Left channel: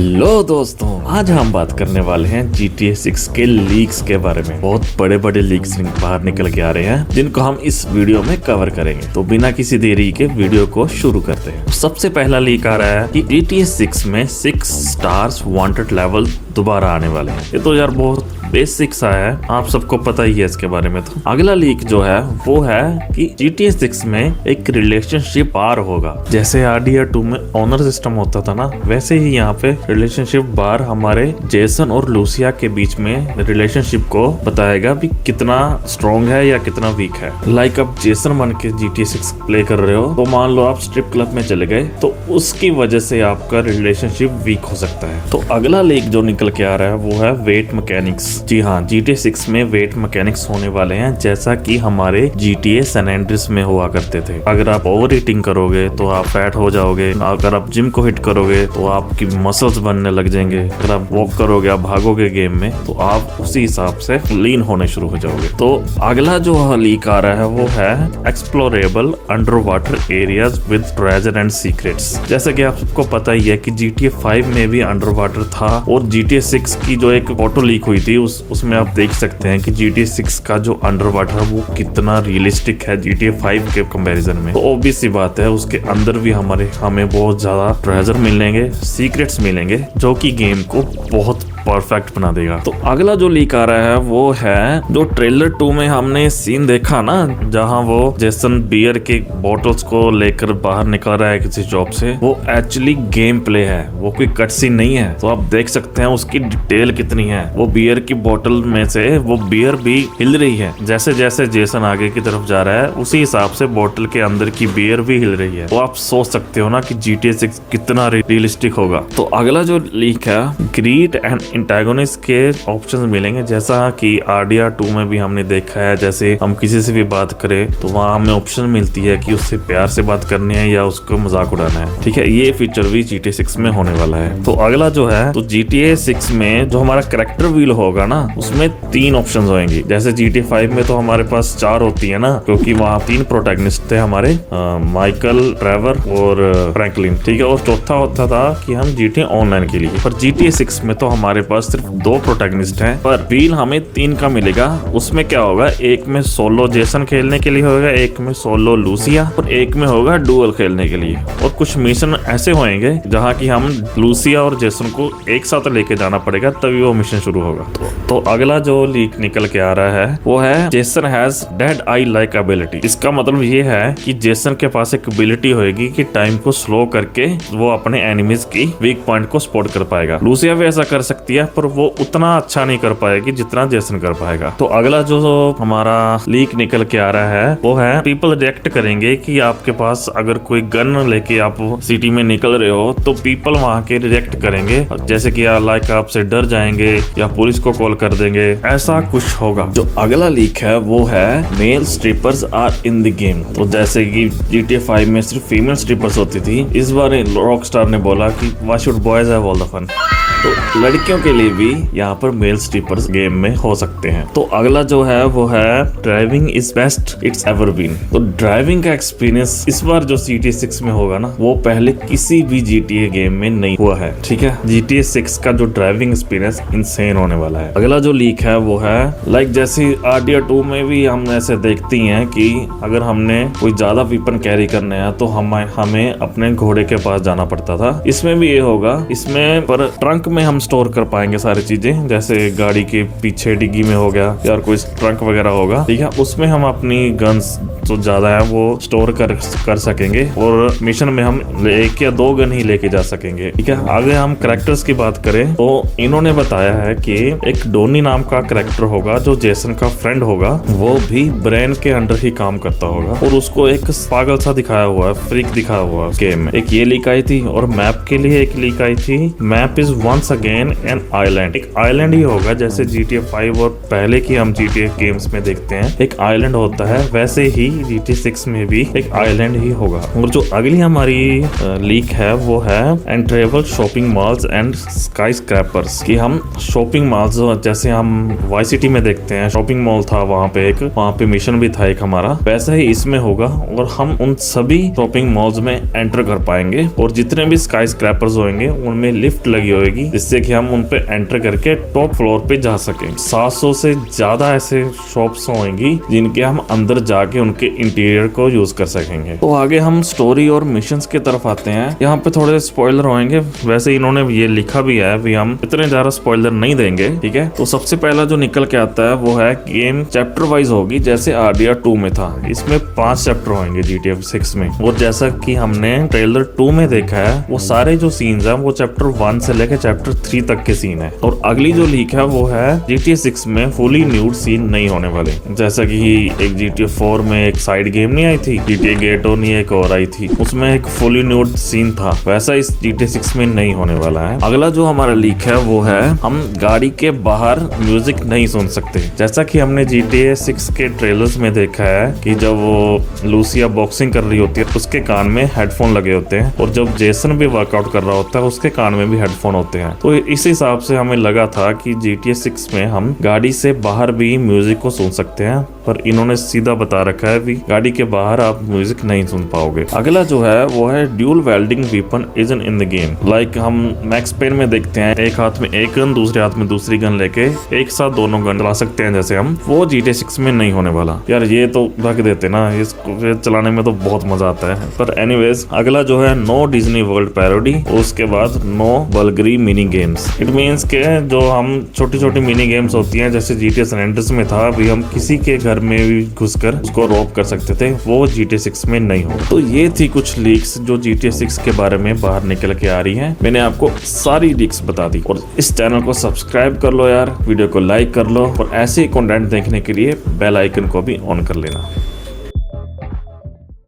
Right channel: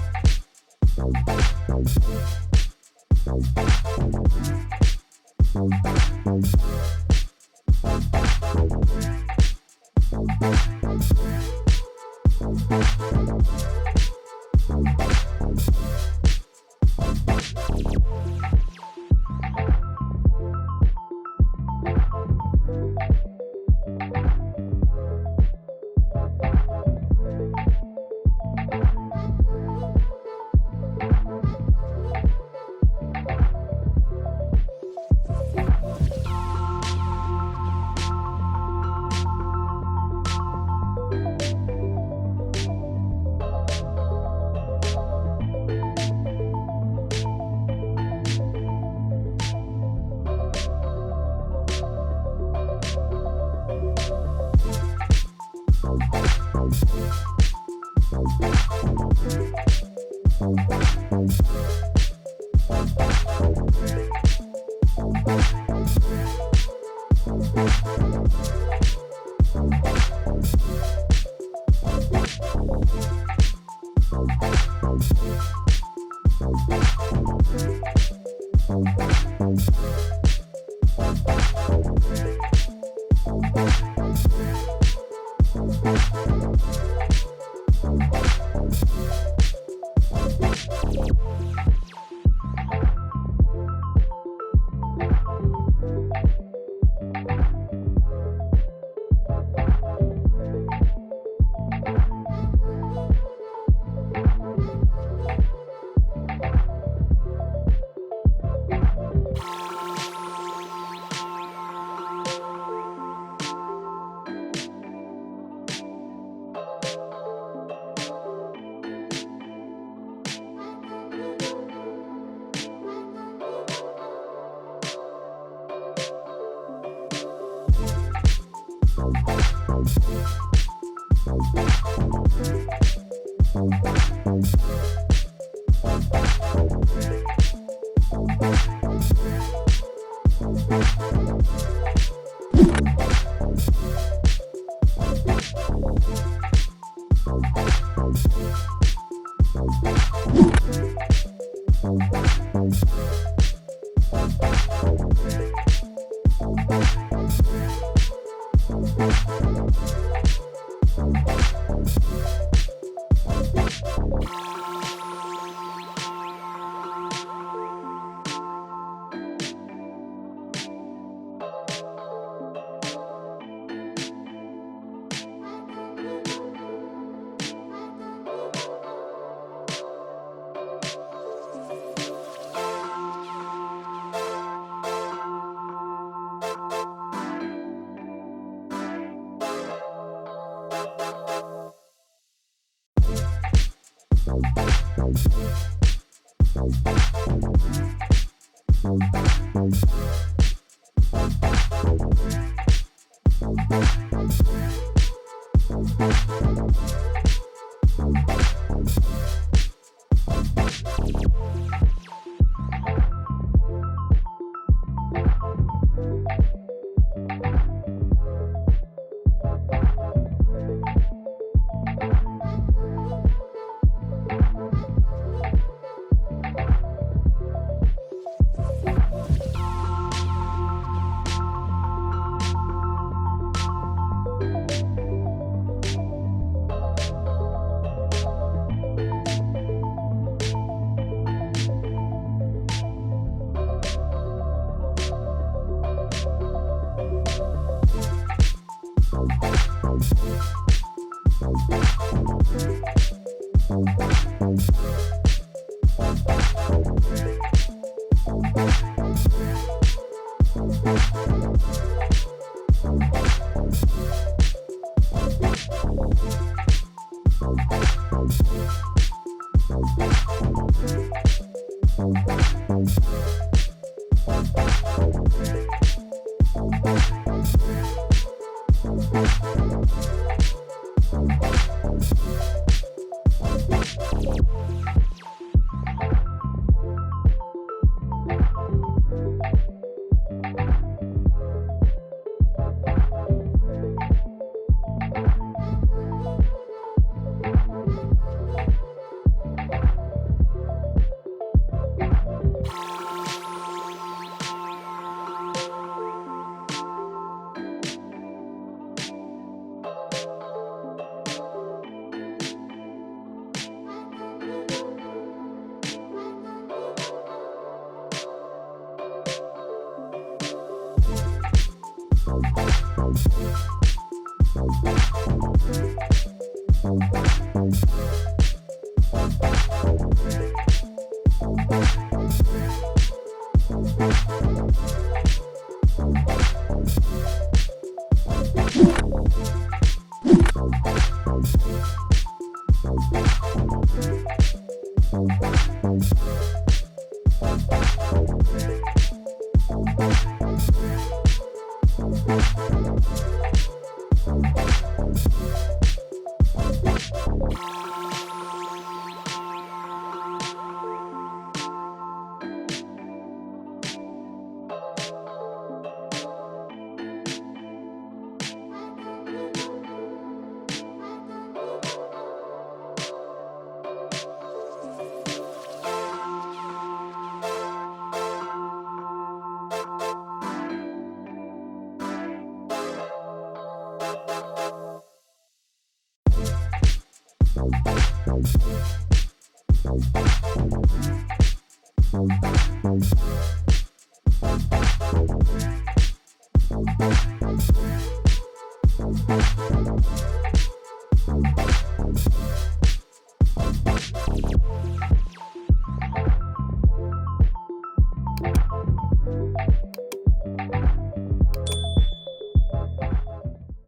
Hello दोस्तों, आज हम बात करने वाले हैं GTA 6 के लीक्स के बारे में। बहुत बड़े बड़े लीक्स बाहर निकल के आ रहे हैं जिनको हम इस वीडियो में कवर करेंगे। तो बिना किसी देरी के वीडियो को शुरू करते हैं। सबसे पहला लीक आ रहा है कि GTA 6 में 6 स्टार्स वांटेड लेवल दोबारा आने वाले हैं। ये तो यार बहुत बेसिक सा है, आप सबको पता ही है इसके बारे में। तो अगला लीक जो है वो है कि GTA 6 में एक रिलेशनशिप बार होगा। जैसे RDR 2 में ऑनर सिस्टम होता था ना, वैसे ही यहाँ पे रिलेशनशिप बार हमारे जेसन और लूसिया के बीच में रिलेशनशिप को बताएगा भी कितना स्ट्रॉन्ग है या कितना वीक है। लाइक अब जेसन बन के GTA 6 प्ले कर रहे हो, तो मान लो आप स्ट्रिप क्लब में चले गए, तो उसकी वजह से आपका रिलेशनशिप वीक हो सकता है। तो अगला लीक जो निकल के आ रहा है वो है वेट मैकेनिक्स। जी हाँ, GTA 6 में वेट मैकेनिक्स होने वाले हैं, जैसा कि हमारे GTA सैन एंड्रियास में हुआ करते थे। अगर आप ओवर ईटिंग करोगे तो आप फैट हो जाओगे, अगर आप जिम को हिट करोगे तो आपकी मसल्स बनने लग जाएंगे, अगर आप वॉक करोगे, आप भागोगे गेम में, तो आप उसी हिसाब से लीन होने शुरू हो जाओगे। तो अगला जो लीक आ रहा है वो है explorable under water areas with treasure and secrets. जैसे कि आपको पता ही है कि GTA 5 में भी अंडर वाटर था, और GTA 6 की जो एक फोटो लीक हुई थी उसमें आप देख सकते हैं कि GTA 6 का जो अंडर वाटर है वो कितना रियलिस्टिक है GTA 5 के कंपैरिजन में। तो ऑब्वियस सी बात है उसके अंदर भी हमें बहुत ज्यादा ट्रेजर मिलेंगे, सीक्रेट्स मिलेंगे, जो कि गेम को बहुत परफेक्ट बना देगा। तो अगला जो लीक आ रहा है वो है जो ट्रेलर 2 में हमने सीन देखा ना, जहां वो जेसन बियर के बोटल्स को लेकर बाहर निकल रहा है किसी जॉब से, वो एक्चुअली गेम प्ले है, वो कोई कट सीन नहीं है। तो आप देख सकते हैं उसकी डिटेल कितनी है। वो बियर की बोतल में से वो बियर भी हिल रही है, जैसे जैसे जेसन आगे की तरफ जा रहा है उसी हिसाब से बोतल के अंदर की बियर भी हिल रही है। तो आप सोच सकते हो ना कि GTA 6 कितना रियलिस्टिक होगा। तो अगला जो लीक है, ग्रीड एंड एंटागोनिस्ट के ऑप्शंस मिलेंगे, जैसा कि RDR 2 में भी हमने देखा है। जैसे हम किसी से भी बात करें तो वहाँ हमें ऑप्शन मिलती है कि उससे प्यार से बात करनी है या उसको मजाक उड़ाना है। ठीक है, ये फीचर भी GTA 6 में होने वाला है। तो अगला जो है, तो GTA 6 में जो हमारा कैरेक्टर व्हील होगा ना, उसमें 3 ऑप्शन होंगे। जैसे GTA 5 में तो हमारे पास 4 होती है ना, क्योंकि वहाँ 3 प्रोटैगनिस्ट थे हमारे, माइकल, ट्रेवर और फ्रैंकलिन। ठीक है, और चौथा होता था कि हम GTA ऑनलाइन के लिए। पर GTA 6 में तो हमारे पास सिर्फ 2 प्रोटैगनिस्ट हैं, पर व्हील हमें 3 का मिलेगा। उसमें क्या होगा, एक में सोलो जेसन खेलने के लिए होगा, एक में सोलो लूसिया, और एक में होगा डुअल खेलने के लिए। और कुछ मिशन ऐसे होंगे जहाँ की हम लूसिया और जेसन को एक साथ लेके जाना पड़ेगा, तभी वो मिशन शुरू होगा। तो अगला जो लीक निकल के आ रहा है वो है Jason has dead I like ability. इसका मतलब ये है कि जेसन के पास एक एबिलिटी होगी कि टाइम को स्लो करके वो अपने एनिमीज की वीक पॉइंट को स्पॉट कर पाएगा। लूसिया भी ऐसा कर सकती है, पर वो उतना अच्छा नहीं कर पाएगी जितना जेसन कर पाएगा। तो अगला जो हमारा लीक निकल के आ रहा है वो है पीपल रिएक्ट करेंगे कि आपके पास अगर कोई गन लेके आप सिटी में निकल रहे हो, तो पीपल वहाँ के रिएक्ट करेंगे, जैसे कि लाइक आपसे डर जाएंगे या पुलिस को कॉल कर देंगे, ऐसा कुछ होगा। जो अगला लीक है वो है male strippers are in the game. तो जैसे कि GTA 5 में सिर्फ फीमेल स्ट्रिपर्स होती थी, इस बार रॉकस्टार ने बोला कि why should boys have all the fun. तो लड़कियों के लिए भी यहाँ पर मेल स्ट्रिपर्स गेम में हो सकते हैं। तो अगला जो है वो है driving is best it's ever been. तो ड्राइविंग का एक्सपीरियंस इस बार जो GTA 6 में होगा ना, वो पहले किसी भी GTA गेम में नहीं हुआ है। ठीक है, GTA 6 का जो ड्राइविंग एक्सपीरियंस इंसेन होने वाला है। अगला जो लीक है वो है लाइक जैसे RDR 2 में भी हम ऐसे देखते हैं कि अगर हमने कोई ज्यादा वेपन कैरी करने हैं तो हमें अपने घोड़े के पास जाना पड़ता था। इसमें भी ये होगा, इसमें पर ट्रंक में हम स्टोर कर पाएंगे सारी चीजें, जैसे गाड़ी के पीछे डिग्गी में हो गया या कोई ट्रंक वगैरह होगा। ठीक है, उसमें हम अपनी गन्स जो ज्यादा है वो स्टोर कर सकेंगे, और मिशन में हम 1 या 2 गन ही लेके जा सकेंगे। ठीक है, आगे हम कैरेक्टर्स की बात करें तो इन्होंने बताया है कि एक डोनी नाम का कैरेक्टर होगा जो जेसन का फ्रेंड होगा, वो भी ब्रेन के अंडर ही काम करता होगा, और उसको एक पागल सा दिखाया हुआ है, फ्रीक दिखाया हुआ है गेम में। एक ये लीक आई थी, और मैप के लिए एक लीक आई थी, map is once again an island. एक आइलैंड ही होगा, जैसे GTA 5 और पहले की हम GTA गेम्स में देखते हैं एक आइलैंड होता है, वैसे ही कि GTA 6 में भी एक आइलैंड ही होगा। और जो अगली हमारी लीक है वो है enterable shopping malls and sky scrapers, कि हम शॉपिंग मॉल्स जैसे हम वाई सिटी में देखते हैं शॉपिंग मॉल था, वहाँ पे मिशन भी था एक हमारा, वैसा ही इसमें होगा और हम उन सभी शॉपिंग मॉल्स में एंटर कर पाएंगे और जितने भी स्काई स्क्रैपर्स होंगे उनमें लिफ्ट लगी होगी जिससे कि हम उन पे एंटर करके टॉप फ्लोर पे जा सकें। 700 से ज्यादा ऐसे शॉप्स होंगी जिनके हम अंदर जाके उनके इंटीरियर को यूज कर सकेंगे। तो आगे हम स्टोरी और मिशंस की तरफ आते हैं। यहाँ पे थोड़े स्पॉइलर होंगे, वैसे इन्होंने ये लिखा भी है भी हम इतने ज्यादा स्पॉइलर नहीं देंगे, ठीक है। तो सबसे पहला जो निकल के आता है वो है गेम चैप्टर वाइज होगी जैसे RDR 2 में था। इसमें 5 चैप्टर होंगे GTA 6 में, और जैसा कि हमने ट्रेलर 2 में देखा है वो सारे जो सीन्स हैं वो चैप्टर 1 से लेकर चैप्टर 3 तक के सीन है। और अगली जो लीक है वो है GTA 6 में फुली न्यूड सीन नहीं होने वाले, जैसा कि एक GTA 4 में एक साइड गेम नहीं आई थी GTA गेटोनी एक और आई थी, उसमें एक फुली न्यूड सीन था, वैसा इस GTA 6 में नहीं होने वाला है। अगला जो हमारा लीक है वो है हम गाड़ी के बाहर म्यूजिक नहीं सुन सकते, जैसा कि हमने GTA 6 के ट्रेलर्स में देखा है कि जब वो लूसिया बॉक्सिंग कर रही होती है उसके कान में हेडफोन लगे होते हैं, और जब जेसन भी वर्कआउट कर रहा होता है उसके कान में भी हेडफोन होते हैं। तो इस हिसाब से हमें लगा था कि GTA 6 में हम गाड़ी से बाहर भी म्यूजिक को सुन सकते हैं, पर इन्होंने सीधा बता रखा है भी गाड़ी के बाहर आप म्यूजिक नहीं सुन पाओगे। अगला जो है वो है dual wielding weapon is in the game, like हम मैक्स पेन में देखते हैं एक हाथ में एक गन दूसरे हाथ में दूसरी गन लेके एक साथ दोनों गन चला सकते हैं जैसे हम, वो GTA 6 में नहीं होने वाला। यार ये तो रख देते ना, इसको चलाने में तो बहुत मजा आता है। पर एनीवेज अगला जो है नो डिज्नी वर्ल्ड पैरोडी, उसके बाद no vulgarity mini games. It means के जो हम छोटी छोटी मिनी गेम्स होती हैं जैसे GTA San Andreas में था भी हम किसी के घर में भी घुसकर उसको रॉब कर सकते थे, वो GTA 6 में नहीं हो। तो ये थी कुछ लीक्स जो GTA 6 के बारे में बाहर निकल के आ रही हैं। मैंने आपको सारी लीक्स बता दी, और इस चैनल को सब्सक्राइब कर लो यार, वीडियो को लाइक कर लो, और ऐसे ही कंटेंट देखने के लिए बेल आइकन को भी ऑन कर लेना।